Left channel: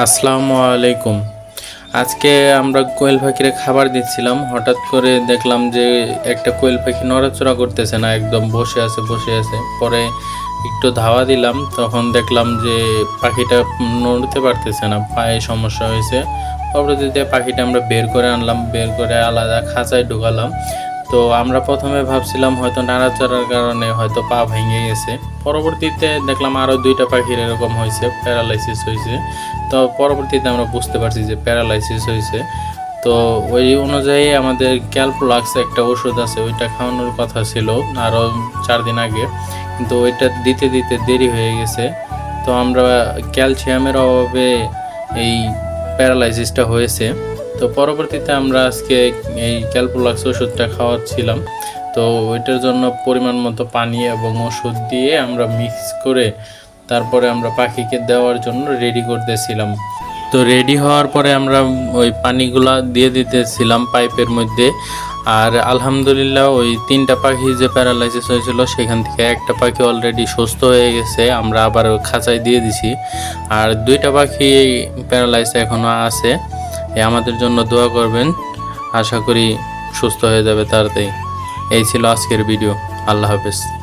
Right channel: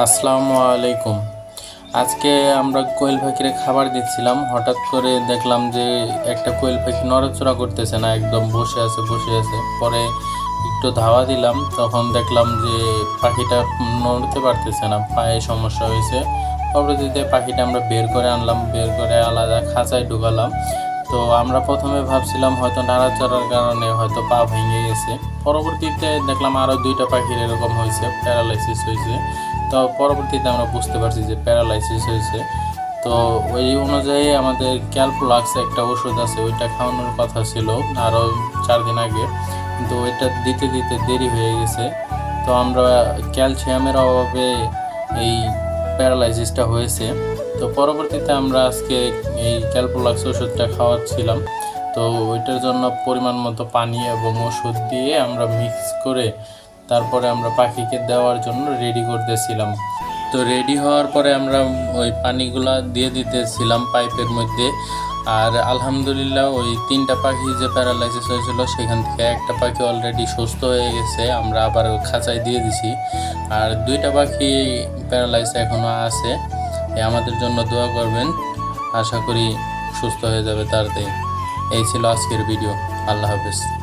আসসালামু আলাইকুম। আজকে আমরা কোয়েল পাখিরে খাবার দিচ্ছিলাম। হঠাৎ করে দেখলাম যে একটা কোয়েল পাখি নড়াচড়া করতেছে না, একদম বসে আছে বসে আছে। পরে একটু ধাওয়া দিলাম, তখন দেখলাম যে পাখিটা নড়তে পারতেছে না, পায়ে সমস্যা হয়েছে। পরবর্তীতে পাখিটা আমরা বের করে আনলাম, বের করে আলাদা খাঁচায় ঢুকালাম তো আমরা প্রথমে ভাবছিলাম হয়তো নাড়াচড়ার কারণে হয়তো পা ভেঙে গেছে। পরবর্তীতে দেখলাম আরও দুইটা পাখির এরকম হয়েছে, প্যারালাইসিস হয়েছে। তো পরবর্তীতে আমরা বুঝতে পারছি যে প্যারালাইসিস হয়েছে। তো ওই অনুযায়ী আমাদের ক্যালপোলাক্স একটা ওষুধ আছে, ওইটা খাওয়ানোর কথা ছিল আরও চার দিন আগে। কিন্তু ওইটা দিতে দিতে দেরি হয়ে গেছে। তো আমরা ক্যালসিয়ামের অভাবে এই প্যারালাইসিসটা হয়েছে। তো পরবর্তীতে আমরা আজকে এই ক্যালপোলাক্স ওষুধটা খাওয়াচ্ছিলাম। তো ওইটার জন্য পরিমাণ মতো পানি এবং ওষুধ দিয়ে আমরা মিক্স করে তারপরে আমরা পাখিকে দেওয়ার জন্য রেডি করতেছিলাম। তো রেডি হওয়ার পরে আমরা ওই পানিগুলা দিয়ে দিতেছিলাম পাইপের মধ্যে। আর আলহামদুলিল্লাহ ওই তিনটা পাখি যে প্যারালাইসিস হয়েছিল, সেখান থেকে একটা পাখি অলরেডি সুস্থ হয়ে গেছে, আমরা আবার খাঁচায় দিয়ে দিছি। আর দুইটা পাখি প্যারালাইস এখনও আছে। আমাদের জন্য দোয়া করবেন। আশা করি সুস্থ হয়ে যাবে তাড়াতাড়ি। এই ছিল আজকের ভিডিও। আল্লাহ হাফেজ।